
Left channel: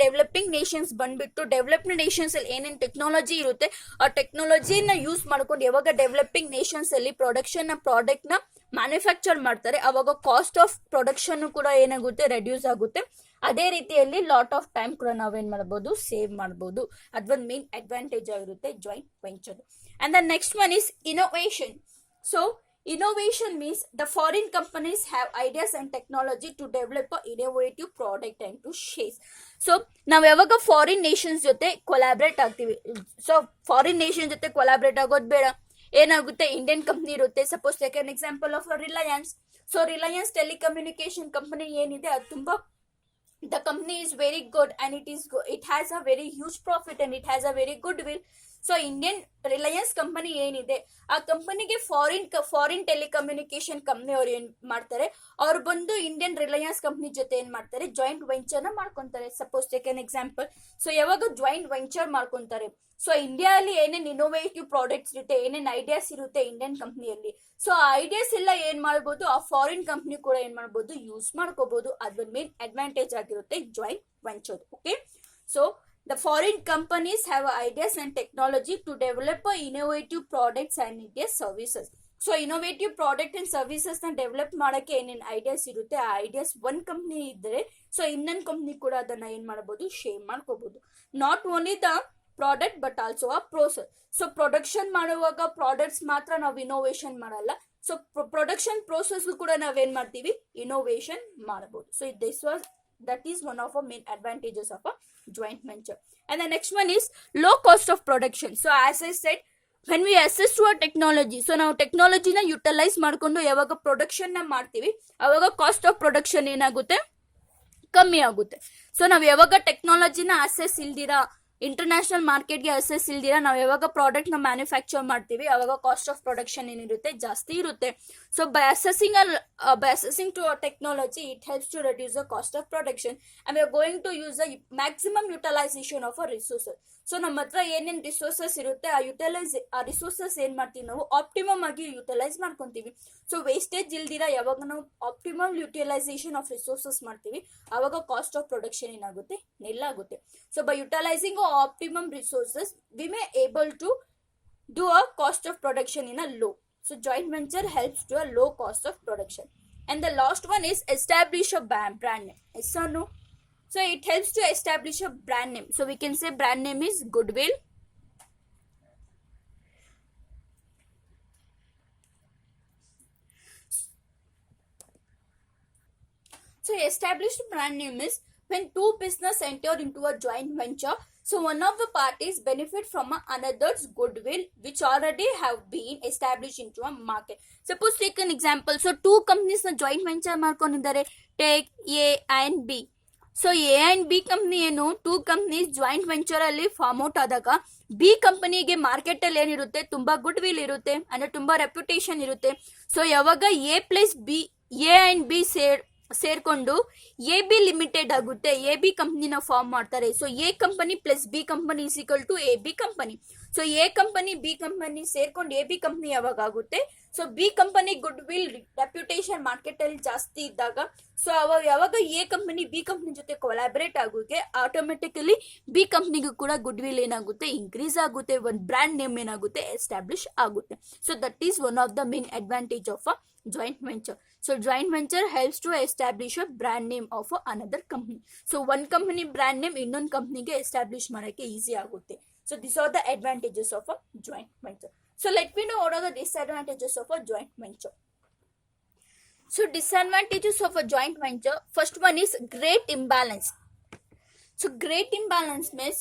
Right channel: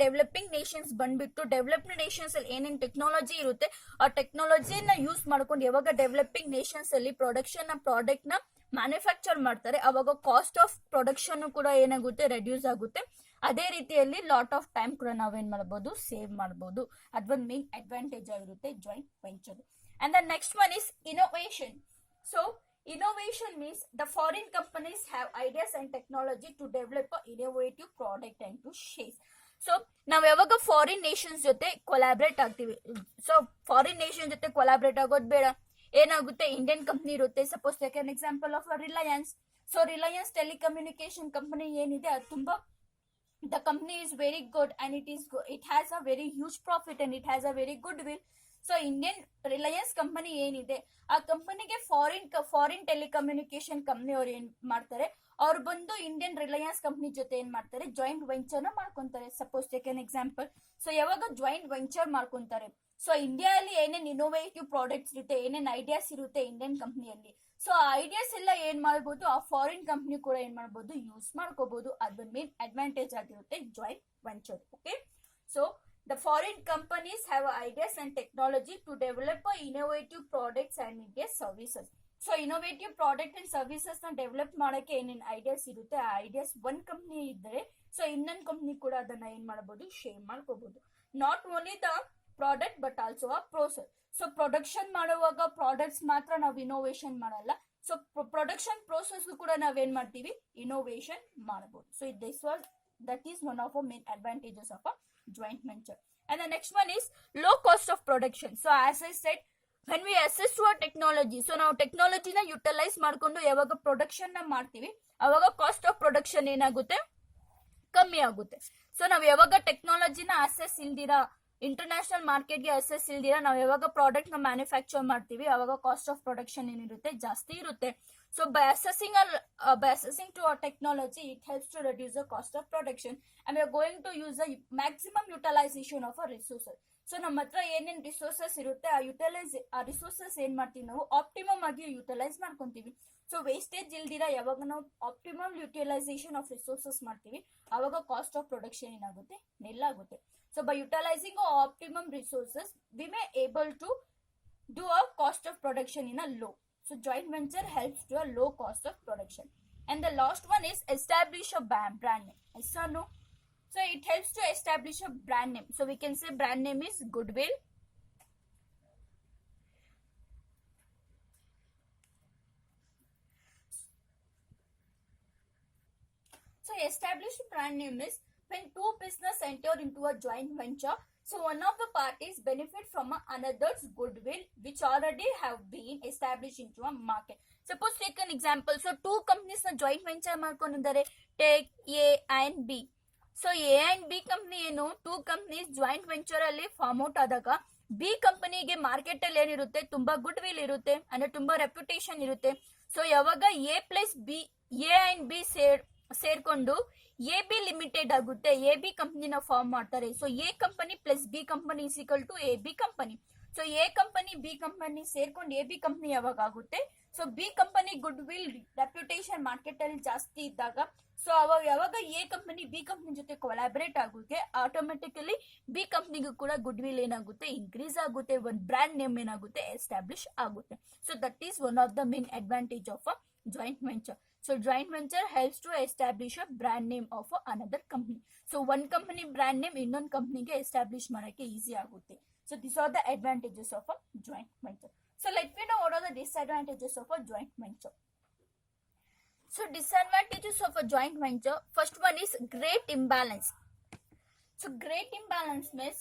developing Nations ಬಂದ್ಬಿಟ್ಟು developed Nations ಅಲ್ಲಿ ಏನೇನು technology ಇರುತ್ತೆ ಆ ಟೆಕ್ನಾಲಜಿನ use ಮಾಡ್ಕೊಂಡು ಯಾವಾಗ developing Nations ಅಲ್ಲಿ ಪ್ರಾಡಕ್ಟ್ ನ ಮ್ಯಾನುಫ್ಯಾಕ್ಚರ್ ಮಾಡ್ತಾರೆ, ಅವಾಗ ಕಾಸ್ಟ್ ಆಫ್ ಪ್ರೊಡಕ್ಷನ್ ಕೂಡ ಏನಾಗುತ್ತೆ, ರೆಡ್ಯೂಸ್ ಆಗುತ್ತೆ. ಅದೇ ರೀತಿಯಲ್ಲಿ ಲಾಟ್ ಆಫ್ ಟೈಮ್ ಕೂಡ ನಾವೇನ್ ಮಾಡಬಹುದು, ಸೇವ್ ಮಾಡಬಹುದು. ಅದೊಂದು ಮೇನ್ ಅಡ್ವಾಂಟೇಜ್ ಆಗಿರುತ್ತೆ joint venture. And the next one is innovation. So innovation means the foreign companies have ideas and technology to develop a innovative product and to share. So ನಾವ್ ಯಾವಾಗ foreign Nations ಜೊತೆ collaborate ಆಗ್ತೀವಿ, so foreign nation ಜೊತೆ collaborate ಆಗೋದು ಬೇಡ, ಏನಾಗುತ್ತೆ Indian company ಇರುತ್ತೆ. Suppose take an example of Reliance. So Reliance telecommunication company ಏನಿದೆ ಅದು ತುಂಬಾ, the company is very good and it has a very huge profit and it has a very good will. So Indian Reliance company ಏನಿದೆ ಆ ಕಂಪನಿಗೆ foreign telecommunication company ಅವ್ರು ಏನ್ ಮಾಡ್ತಾರೆ, ಅವ್ರು ಬಂದು ಇಂಡಿಯನ್ ರಿಲಯನ್ಸ್ ಕಂಪ್ನಿ ಜೊತೆ ಏನ್ ಮಾಡ್ತಾರೆ, ಜಾಯಿಂಟ್ ವೆಂಚರ್ ನ ಮಾಡ್ಕೊಂತಾರೆ. Suppose take an example. So ಯಾವಾಗ ಜಾಯಿಂಟ್ ವೆಂಚರ್ ಮಾಡ್ಕೊಂತಾರೆ, ಸೊ ಇಂಡಿಯಾ ಅಲ್ಲಿ ಏನೇನ್ ಇನೋವೇಟಿವ್ ಪ್ರಾಡಕ್ಟ್ಸ್ ಇರುತ್ತೆ, ಏನೇನ್ ಐಡಿಯಾಸ್ ಇರುತ್ತೆ ಇಂಡಿಯನ್ ಕಂಪ್ನಿಯಲ್ಲಿ, ಸೊ ಆ ಐಡಿಯಾಸ್ ಎಲ್ಲ ಏನ್ ಮಾಡ್ಬೋದು, ಆ ಫಾರಿನ್ ಕಂಪ್ನಿ ಕೂಡ ಏನ್ ಮಾಡ್ಬೋದು, ಯೂಸ್ ಮಾಡ್ಕೋಬಹುದು. ಅದ್ರ ಮೇನ್ ಅಡ್ವಾಂಟೇಜ್ ಆಗಿರುತ್ತೆ joint venture. Okay, so the foreign companies have ideas and technology to develop innovative products and their services. So innovative product and services ನ ಡೆವಲಪ್ ಮಾಡಕ್ಕೆ ಏನೇನ್ ಐಡಿಯಾಸ್ ಇರುತ್ತೆ, ಆ ಐಡಿಯಾಸ್ ಒಂದ್ ಕಂಪ್ನಿ ಇದ್ರೆ ಸೊ ಇನ್ನೊಂದ್ ಕಂಪ್ನಿ ಕೂಡ ಅದನ್ನ ಏನ್ ಮಾಡಬಹುದು, ಶೇರ್ ಮಾಡ್ಕೋಬಹುದು. Not only the product but also a process. So production ಮಾಡುವಾಗ ಪ್ರಾಡಕ್ಟ್ಸ್ ಮಾತ್ರ ನಾವು ಇನೋವೇಷನ್ ಮಾಡಲ್ಲ, ಸೊ ಪ್ರೊಡಕ್ಷನ್ ಪ್ರೋಸೆಸ್ ಕೂಡ ನಾವೇನ್ ಮಾಡ್ತೀವಿ, ಇನೋವೇಷನ್ ಮಾಡಬಹುದು. So that is one of our main advantages of a joint venture. And the next one is low cost of production. So as I said, when we access to a technology, so ನಾವು ಟೆಕ್ನಾಲಜಿನ utilise ಮಾಡ್ಕೊಂಡು ಯಾವಾಗ production ನ ಮಾಡ್ತೀವಿ ಅವಾಗ cost of production ಏನಾಗುತ್ತೆ, ಕಮ್ಮಿ ಆಗುತ್ತೆ. So ನಾವ್ ಯಾವಾಗ ಟೆಕ್ನಾಲಜಿನ ಅಸೆಸ್ ಇಲ್ದಿರಾ, ಇಂಟರ್ನ್ಯಾಷನಲ್ ಮಾರ್ಕೆಟ್ಗೆ ಅಸೆಸ್ ಇಲ್ದಿರಾ ನಾವು ಯಾವಾಗ ಪ್ರಾಡಕ್ಟ್ ನ ಮ್ಯಾನುಫ್ಯಾಕ್ಚರ್ ಮಾಡ್ತೀವಿ ಅವಾಗ ಕಾಸ್ಟ್ ಆಫ್ ಪ್ರೊಡಕ್ಷನ್ ಏನಿರುತ್ತೆ, ಜಾಸ್ತಿ ಇರುತ್ತೆ. So by assessing to our technology, it helps to reduce the cost of production and we are going to use the maximum utilization of our resources. So ನಮ್ಮ ಹತ್ರ ಏನೇನ್ resources ಇರುತ್ತೆ ಆ resources ಏನ್ ಮಾಡ್ತೀವಿ, ನಾವು ಆಪ್ಟಿಮಮ್ ಆಗಿ ಯುಟಿಲೈಸ್ ಮಾಡ್ಕೊಂತೀವಿ. ಸೊ ವೇಸ್ಟೇಜ್ ಇಲ್ದಿರ ಯಾವಾಗ ನಾವು ಆಪ್ಟಿಮಮ್ ಯುಟಿಲೈಸೇಷನ್ ಆಫ್ ರಿಸೋರ್ಸಸ್ ಮಾಡ್ತೀವಿ ಅವಾಗ ಕಾಸ್ಟ್ ಆಫ್ ಪ್ರೊಡಕ್ಷನ್ ಏನಾಗುತ್ತೆ, ನಿಲ್ಲಾಗುತ್ತೆ. So by utilising optimum resources we may able to do a cost of production in a low. So joint venture helps to a low cost of production. And the last one is establish a brand name. Yes or no? So it helps to establish a brand name. So we can say brand name is goodwill. So established brand name is when two business enter into a joint venture. So one of the parties benefit from another's goodwill which already have been established into a market. Suppose take an example. So two companies na joint venture ಮಾಡ್ಕೊಂಡಿದ್ದಾರೆ. Take A and B. So A and B company ಏನು, two companies joint venture ಅಲ್ಲಿ form out ಆದಾಗ B ಕಂಪನಿಗೆ market ಅಲ್ಲಿ ಏನಿರುತ್ತೆ, ತುಂಬಾ good will ಇರುತ್ತೆ, ಅಂದ್ರೆ ತುಂಬಾ ರೆಪ್ಯುಟೇಷನ್ ಇರುತ್ತೆ. ಸೊ ಯಾವಾಗ A plus B, A and B ಸೇರ್ಕೊಂಡು ಎ ಬಿ ಲಿಮಿಟೆಡ್ ಆಗುತ್ತೆ, ಎ ಬಿ ಕಂಪನಿನ ಫಾರ್ಮ್ ಮಾಡ್ತಾರೆ. So A company plus B company is equal to A B company. So A company B company ಸೇರ್ಕೊಂಡು A B company ಯಾವಾಗ ಆಗುತ್ತೆ, so B company goodwill reputation market ಅಲ್ಲಿ ಜಾಸ್ತಿ ಇದ್ದಾಗ, so ಅವಾಗ ಯಾವಾಗ ಎ ಕಂಪನಿ ಬಿ ಕಂಪನಿ ಜೊತೆ collaborate ಆಗುತ್ತೆ ಆಟೋಮೆಟಿಕಲಿ ಬಿ ಕಂಪನಿಗೂ ಕೂಡ ಗುಡ್ ವಿಲ್ ಏನಾಗುತ್ತೆ, ಇನ್ಕ್ರೀಸ್ ಆಗುತ್ತೆ, ಒಂದು ಬ್ರ್ಯಾಂಡ್ ನೇಮ್ ಏನಾಗುತ್ತೆ, ಎಸ್ಟಾಬ್ಲಿಷ್ ಆಗುತ್ತೆ. So that is one of the main advantage of a joint venture. So joint venture helps to establish a brand name of another company. So one company brand name ಇನ್ನೊಂದು ಕಂಪನಿಗೆ establish ಮಾಡಕ್ಕೆ easy ಆಗುತ್ತೆ. So these are the advantages of a joint venture. So let me know what are the disadvantages of a joint venture. So disadvantages of a joint venture, first one is great imbalance. So great imbalance means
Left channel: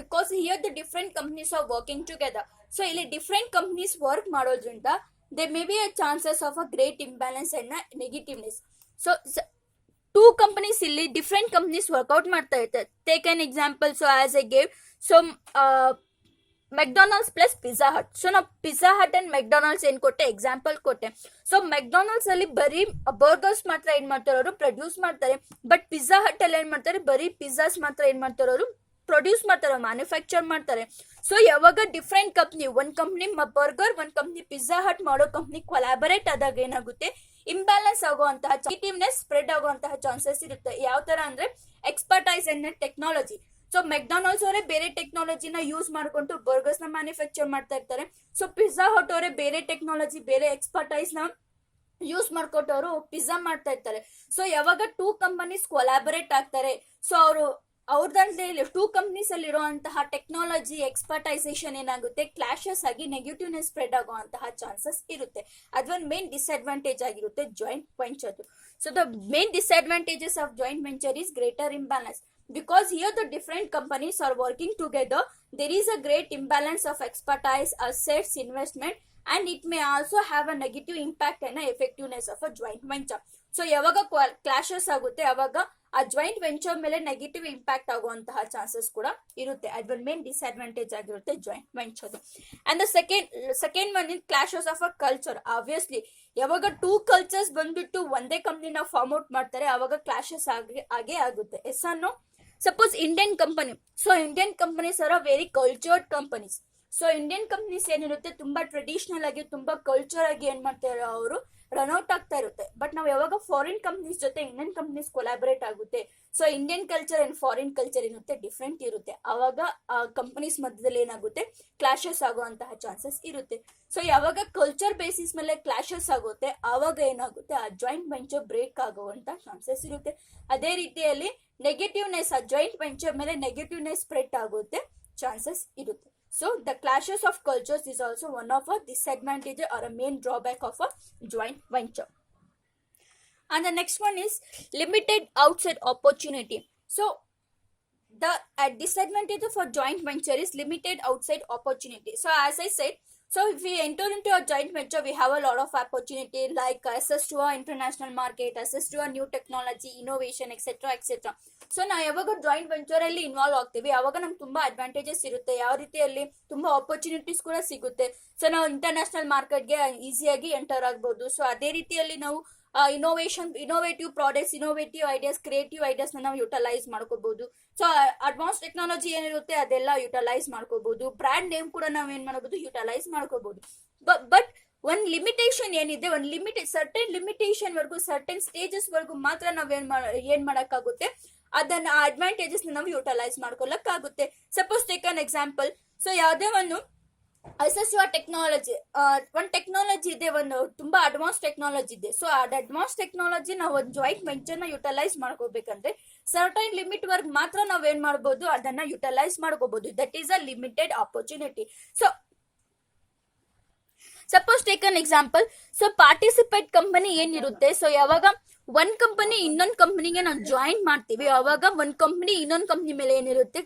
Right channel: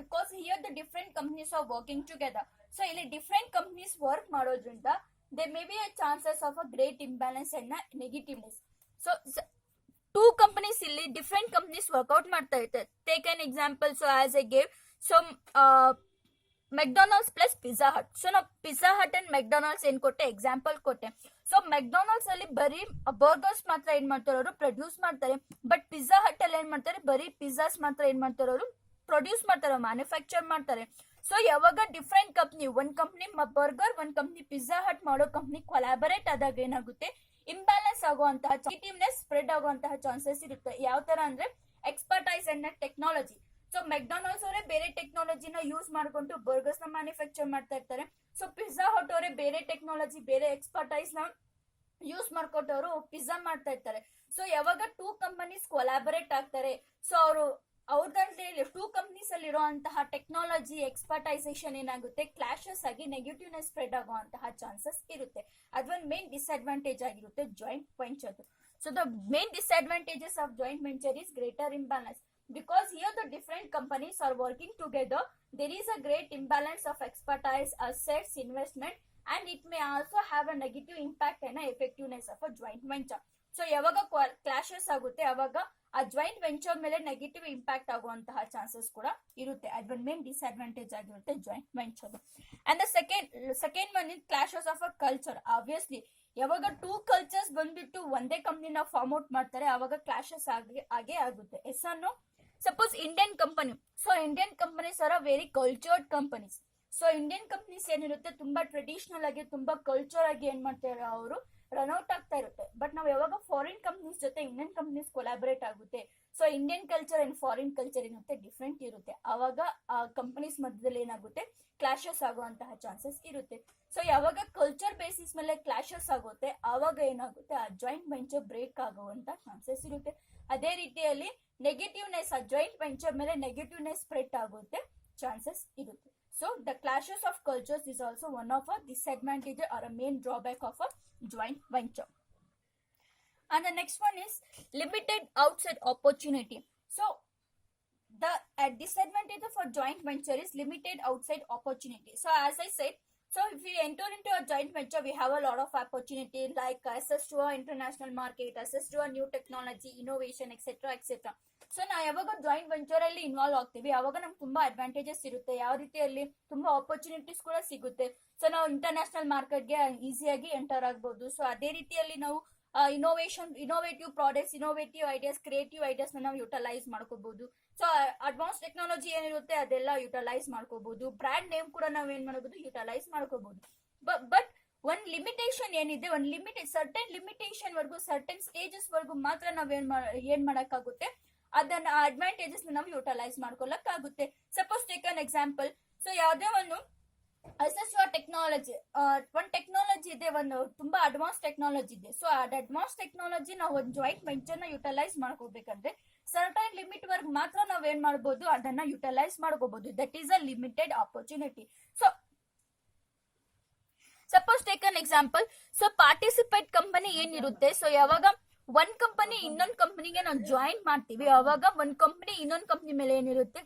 because here the different companies are working together. So ಇಲ್ಲಿ different companies work ಮಾಡೋದ್ರಿಂದ there may be a chances of a great imbalance and a negativeness. So two companies ಇಲ್ಲಿ different companies workout ಮಾಡ್ತಾ ಇರ್ತಾರೆ. Take an example. So as I gave, so McDonald's plus Pizza hut. So ನಾವು pizza hut and McDonald's ಏನ್ ಕೊಟ್ಟೆ, example ಕೊಟ್ಟೆ. So McDonald's ಅಲ್ಲಿ ಬರೀ burgers ಮಾತ್ರ ಏನ್ ಮಾಡ್ತಾರೆ, ಅವರು ಪ್ರೊಡ್ಯೂಸ್ ಮಾಡ್ತಾರೆ. ಬಟ್ ಪಿಜ್ಜಾ ಹಟ್ ಅಲ್ಲಿ ಏನ್ ಮಾಡ್ತಾರೆ, ಬರೀ ಪಿಜ್ಜಾಸ್ ಮಾತ್ರ ಏನ್ ಮಾಡ್ತಾರೆ, ಅವರು ಪ್ರೊಡ್ಯೂಸ್ ಮಾಡ್ತಾರೆ, ಮ್ಯಾನುಫ್ಯಾಕ್ಚರ್ ಮಾಡ್ತಾರೆ. ಸೊ ಯಾವಾಗ ಡಿಫ್ರೆಂಟ್ ಕಂಪ್ನಿ, ಒಂದ್ ಕಂಪ್ನಿ ಬರ್ಗರ್, ಒಂದ್ ಕಂಪ್ನಿ ಪಿಜ್ಜಾ ಹಟ್ ಮಾಡೋ ಕಂಪ್ನಿ ಕೊಲಾಬರೇಟ್ ಆದಾಗ ಏನಾಗುತ್ತೆ, ಇಂಬ್ಯಾಲೆನ್ಸ್ ಆಗುವಂತಹ ನೆಗೆಟಿವ್ನೆಸ್ ಸ್ಪ್ರೆಡ್ ಆಗುವಂತಹ ಚಾನ್ಸಸ್ ಇರುತ್ತೆ. ಯಾವ ತರ ಅಂದ್ರೆ expertise and technology. So McDonald's ಅವರೇ ಬೇರೆ ಟೆಕ್ನಾಲಜಿನ ಯೂಸ್ ಮಾಡ್ಕೊಂಡು ಬರ್ಗರ್ಸ್ ನ ಮ್ಯಾನುಫ್ಯಾಕ್ಚರ್ ಮಾಡ್ತಾ ಇರ್ತಾರೆ. ಸೊ ಪಿಜ್ಜಾ ಹಟ್ ಅವರೇ ಬೇರೆ ಟೆಕ್ನಾಲಜಿ, ಬೇರೆ ಎಕ್ಸ್ಪರ್ಟೈಸ್ ನ ಯೂಸ್ ಮಾಡ್ಕೊಟ್ಟು ಅವರು ಪಿಜ್ಜಾ ಮಾಡ್ತಾ ಇರ್ತಾರೆ. ಸೊ ಯಾವಾಗ ಟೂ ಕಂಪನೀಸ್ ಕೊಲಾಬರೇಟ್ ಆಗ್ತಾರೆ, ಸೊ ಅವರು ಅವ್ರದ್ರಲ್ಲಿ ಟೂ ಕಂಪ್ನೀಸ್ ಅಲ್ಲಿ ಇರುವಂತಹ ಟೆಕ್ನಾಲಜಿ ಎಕ್ಸ್ಪರ್ಟೈಸೇಷನ್ ಏನಾಗುತ್ತೆ ಕ್ಲಾಶಸ್ ಆಗಿ ನೆಗೆಟಿವ್ನೆಸ್ ಸ್ಪ್ರೆಡ್ ಆಗುವಂತಹ ಚಾನ್ಸಸ್ ಇರುತ್ತೆ. ಅದೊಂದು ಮೇನ್ ಡಿಸ್ಅಡ್ವಾಂಟೇಜ್ ಆಗಿರುತ್ತೆ joint venture. So the main disadvantages of joint venture is greater imbalance, because here the different companies are working together. There is a great imbalance of expertise, assets, investment, and it may also have a negative impact and effectiveness of a joint venture. So ಯಾವಾಗ clashes ಆಗುತ್ತೆ ಅವಾಗ ಆ joint venture ಮೇಲೆ negative impact ಆಗುವಂತಹ chances ಕೂಡ ಇರುತ್ತೆ. ಅದೊಂದು main disadvantage ಆಗಿರುತ್ತೆ joint venture. And the second one in clashes of a culture. Obviously ಯಾವಾಗ ಟೂ ಕಲ್ಚರ್ಸ್ ಬಂದ್ಬಿಟ್ಟು ಒಂದೇ ಕಂಪ್ನಿನ ಫಾರ್ಮ್ ಔಟ್ ಮಾಡ್ತಾರೆ ಅವಾಗ ಕ್ಲಾಶಸ್ ಆಗೇ ಆಗುತ್ತೆ. ಎಸ್ ಅನ್ನೋ suppose Indian company, so Indian companies are very cultured companies. So Indian companies ಏನಿರುತ್ತೆ ತುಂಬಾ ಟ್ರೆಡಿಷನಲ್ ಆಗಿ ತುಂಬಾ ಕಲ್ಚರ್ ಆಗಿ ಏನ್ ಮಾಡ್ತಾರೆ ಅವರು ರನ್ಔಟ್ ಆಗ್ತಾ ಇರುತ್ತೆ. ಬಟ್ ನಾವು ಯಾವಾಗ ಫಾರಿನ್ ಕಂಪ್ನೀಸ್ ಜೊತೆ ಇಂಡಿಯನ್ ಕಂಪ್ನೀಸ್ ಕೊಲಾಬರೇಟ್ ಆಗುತ್ತೆ, so Indian culture and foreign culture ಏನಿರುತ್ತೆ ಡಿಫ್ರೆಂಟ್ ಇರುತ್ತೆ. ಆವಾಗ ಆ ಕಂಪನೀಸ್ ಮಧ್ಯದಲ್ಲಿ ಏನಾಗುತ್ತೆ ಕ್ಲಾಶಸ್ ಆಗುವಂತಹ ಚಾನ್ಸಸ್ ಇರುತ್ತೆ. ಸೊ ಯಾವಾಗ ಕಲ್ಚರ್ ಬೇಸಿಸ್ ಮೇಲೆ ಕ್ಲಾಶಸ್ ಆಗುತ್ತೆ ಆವಾಗ ಏನಾಗುತ್ತೆ ಆ ಜಾಯಿಂಟ್ ವೆಂಚರ್ ಬ್ರೇಕ್ ಆಗುವಂತ ಚಾನ್ಸಸ್ ಇರುತ್ತೆ. ಅದೇ ರೀತಿಯಲ್ಲಿ ನೆಗೆಟಿವ್ನೆಸ್, ಆ ಜಾಯಿಂಟ್ ವೆಂಚರ್ ಮೇಲೆ ನೆಗೆಟಿವ್ನೆಸ್ ಸ್ಪ್ರೆಡ್ ಆಗುತ್ತೆ ಚಾನ್ಸಸ್ ಇರುತ್ತೆ. So the clashes of cultures is also one of a disadvantage or a main drawback of a joint venture. And the next one is limited outside opportunity. So the disadvantage of a joint venture is limited outside opportunity. So as I said, so if we enter into a joint venture, we have a lot of opportunity like access to a international market, access to a new technology, innovation, etc. etc. So ನಾವು ಯಾವಾಗ joint venture ಅಲ್ಲಿ involve ಆಗ್ತೀವಿ ಅವಾಗ ನಮ್ಗೆ ತುಂಬಾ advantages ಇರುತ್ತೆ. ಯಾವ ರೀತಿಯಲ್ಲಿ ತುಂಬಾ ಆಪರ್ಚುನಿಟೀಸ್ ಕೂಡ ಸಿಗುತ್ತೆ. ಸೊ ನಾವು ಇಂಟರ್ನ್ಯಾಷನಲ್ ಮಾರ್ಕೆಟ್ಗೆ ಈಸಿಯಾಗಿ ಎಂಟರ್ ಆಗ್ಬೋದು. ಸೊ ಅದೇ ರೀತಿಯಲ್ಲಿ ನಾವು innovative products, innovative ideas, creative ideas ನಾವು ಯುಟಿಲೈಸ್ ಮಾಡ್ಕೋಬಹುದು. ಸೊ ಅಡ್ವಾನ್ಸ್ ಟೆಕ್ನಾಲಜಿ ಏನಿರುತ್ತೆ ಅದೆಲ್ಲ ಯುಟಿಲೈಸ್ ಮಾಡ್ಕೋಬಹುದು. ಬ್ರ್ಯಾಂಡ್ ನೇಮ್ ಕೂಡ ನಾವು ಏನ್ ಮಾಡಬಹುದು ಯುಟಿಲೈಸ್ ಮಾಡ್ಕೋಬಹುದು. ಬಟ್ ಒಂದ್ ಲಿಮಿಟೇಷನ್ ಏನಿದೆ, ಒಂದ್ ಸರ್ಟನ್ ಲಿಮಿಟೇಷನ್ ವರ್ಗು, ಸರ್ಟನ್ ಸ್ಟೇಜಸ್ ವರ್ಗು ಮಾತ್ರ ನಾವ್ ಏನ್ ಮಾಡಕ್ಕಾಗುತ್ತೆ ಅದನ್ನ ಅಡ್ವಾಂಟೇಜಸ್ ನಾವು ಯುಟಿಲೈಸ್ ಮಾಡ್ಕೊಳಕ್ಕಾಗುತ್ತೆ. Suppose take an example. So ಯಾವುದೇ ಒಂದು ಟೆಕ್ನಾಲಜಿ, ಒಂದು ಟೆಕ್ನಾಲಜಿ ಇದೆ, ಒಂದು ತುಂಬಾ ಅಡ್ವಾನ್ಸ್ ಟೆಕ್ನಾಲಜಿ ಇದೆ. ಸೊ ಆ ಅಡ್ವಾನ್ಸ್ ಟೆಕ್ನಾಲಜಿ ನಾವು ಒಂದು ಜಾಯಿಂಟ್ ವೆಂಚರ್ ನ ಯುಟಿಲೈಸ್ ಮಾಡ್ಕೋಬೇಕಂದ್ರೆ ಸರ್ಟೈನ್ ಲಿಮಿಟ್ ವರ್ಗ್ ಮಾತ್ರ ನಾವ್ ಏನ್ ಮಾಡ್ಬೋದು ಅದನ್ನ ಯುಟಿಲೈಸ್ ಮಾಡ್ಕೋಬಹುದು. That is a limited opportunity. So suppose take an example. So participate company ಏನಿರುತ್ತೆ, ಸೊ ಯಾವಾಗ ಒಂದ್ ಕಂಪನಿ ಇನ್ನೊಂದ್ ಕಂಪನಿಗೆ ನಾವು ಜಾಯಿನ್ ಮಾಡ್ತೀವಿ ಅವಾಗ ಒಂದ್ ಕಂಪನಿ ಇನ್ನೊಂದ್ ಕಂಪನಿ ಮೇಲೆ ಏನಿರುತ್ತೆ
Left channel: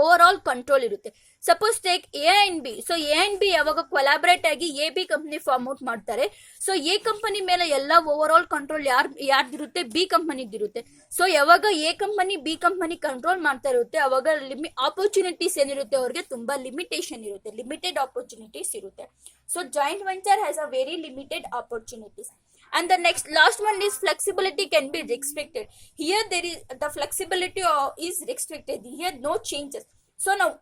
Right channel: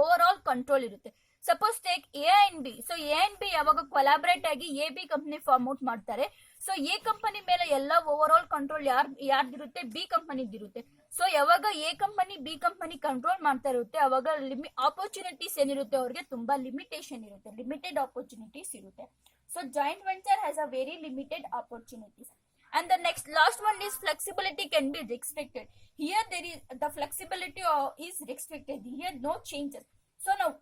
ಓವರ್ ಆಲ್ ಕಂಟ್ರೋಲ್ ಇರುತ್ತೆ. Suppose take A and B. So A and B ಯಾವಾಗ ಕೊಲಾಬರೇಟ್ ಆಗಿ A B company form out ಮಾಡ್ತಾರೆ, ಸೊ ಎ ಕಂಪನಿ ಮೇಲೆ ಎಲ್ಲ ಓವರ್ ಆಲ್ ಕಂಟ್ರೋಲ್ ಯಾರ್ದಿರುತ್ತೆ ಬಿ ಕಂಪನಿದಿರುತ್ತೆ. ಸೊ ಯಾವಾಗ A company B company control ಮಾಡ್ತಾ ಇರುತ್ತೆ ಅವಾಗ ಆಪರ್ಚುನಿಟೀಸ್ ಏನಿರುತ್ತೆ ಅವ್ರಿಗೆ ತುಂಬಾ ಲಿಮಿಟೇಷನ್ ಇರುತ್ತೆ, ಲಿಮಿಟೆಡ್ ಆಪರ್ಚುನಿಟೀಸ್ ಇರುತ್ತೆ. So joint venture has a very limited opportunities. And the last one is flexibility can be restricted. Here there is the flexibility is restricted. Here no changes. So now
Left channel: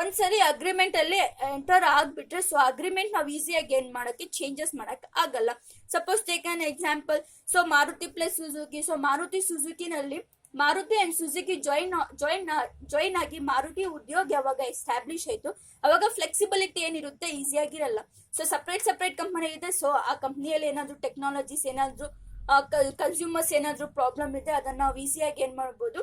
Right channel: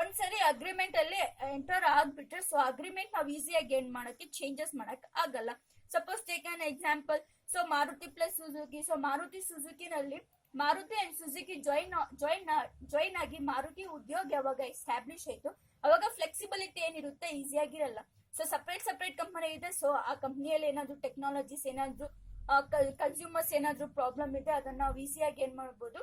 ಒಂದ್ಸರಿ agreement ಅಲ್ಲಿ enter ಆಗ್ಬಿಟ್ರೆ so agreement ನಾವು ಈಸಿಯಾಗಿ ಏನ್ ಮಾಡಕ್ಕೆ changes ಮಾಡಕ್ ಆಗಲ್ಲ. Suppose take an example. So Maruti plus Suzuki. So Maruti ಸುಜುಕಿನಲ್ಲಿ ಮಾರುತಿ ಅಂಡ್ ಸುಜುಕಿ ಜಾಯಿನ್ ಆಗಿ ಮಾರುತಿ ಉದ್ಯೋಗ ಯಾವಾಗ ಎಸ್ಟಾಬ್ಲಿಷ್ ಆಯ್ತು ಅವಾಗ ಫ್ಲೆಕ್ಸಿಬಿಲಿಟಿ ಏನಿರುತ್ತೆ ಈಸಿಯಾಗಿರಲ್ಲ. ಸೊ ಸಪ್ರೇಟ್ ಕಂಪನಿ ಇದೆ. ಸೊ ಆ ಕಂಪ್ನಿಯಲ್ಲಿ ಏನಾದ್ರು ಟೆಕ್ನಾಲಜೀಸ್ ಏನಾದ್ರು ಕನ್ಸ್ಯೂಮರ್ಸ್ ಏನಾದ್ರು ಪ್ರಾಬ್ಲಮ್ ಇದೆ ಅದನ್ನ ನಾವು ಈಸಿಯಾಗಿ ಏನ್ ಮಾಡ್ಬೋದು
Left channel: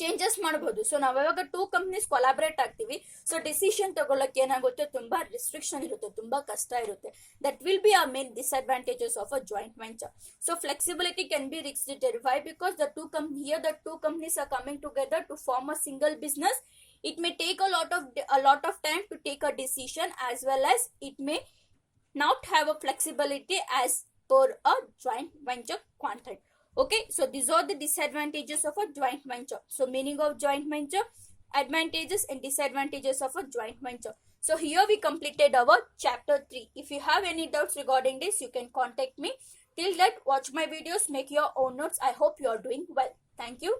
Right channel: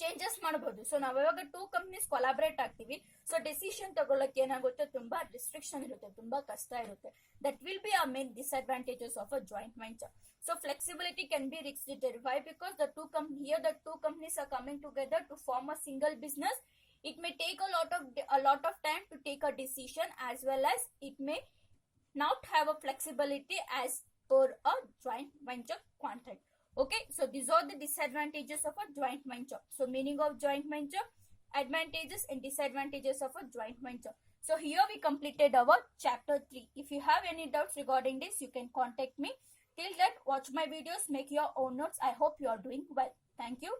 ಚೇಂಜಸ್ ಮಾಡಬಹುದು. ಸೊ ನಾವ್ ಯಾವಾಗ ಟೂ ಕಂಪ್ನೀಸ್ ಕೊಲಾಬರೇಟ್ ಆಗ್ತೀವಿ ಸೊ ಡಿಸಿಷನ್ ತಗೊಳಕ್ ಏನಾಗುತ್ತೆ ತುಂಬಾ ರಿಸ್ಟ್ರಿಕ್ಷನ್ ಇರುತ್ತೆ, ತುಂಬಾ ಕಷ್ಟ ಇರುತ್ತೆ. ದಟ್ ವಿಲ್ ಬಿ ಆ main disadvantages of a joint venture. So flexibility can be restricted. Why? Because the two companies are coming together to form a single business. It may take a lot of time to take a decision, as well as it may not have a flexibility as per a joint venture contract. Okay, so these are the disadvantages of a joint venture. So meaning of joint venture, advantages and disadvantages of a joint venture. So here we completed our chapter 3. If you have any doubts regarding this, you can contact me. Till that, watch my videos, make your own notes. I hope you are doing well. Thank you.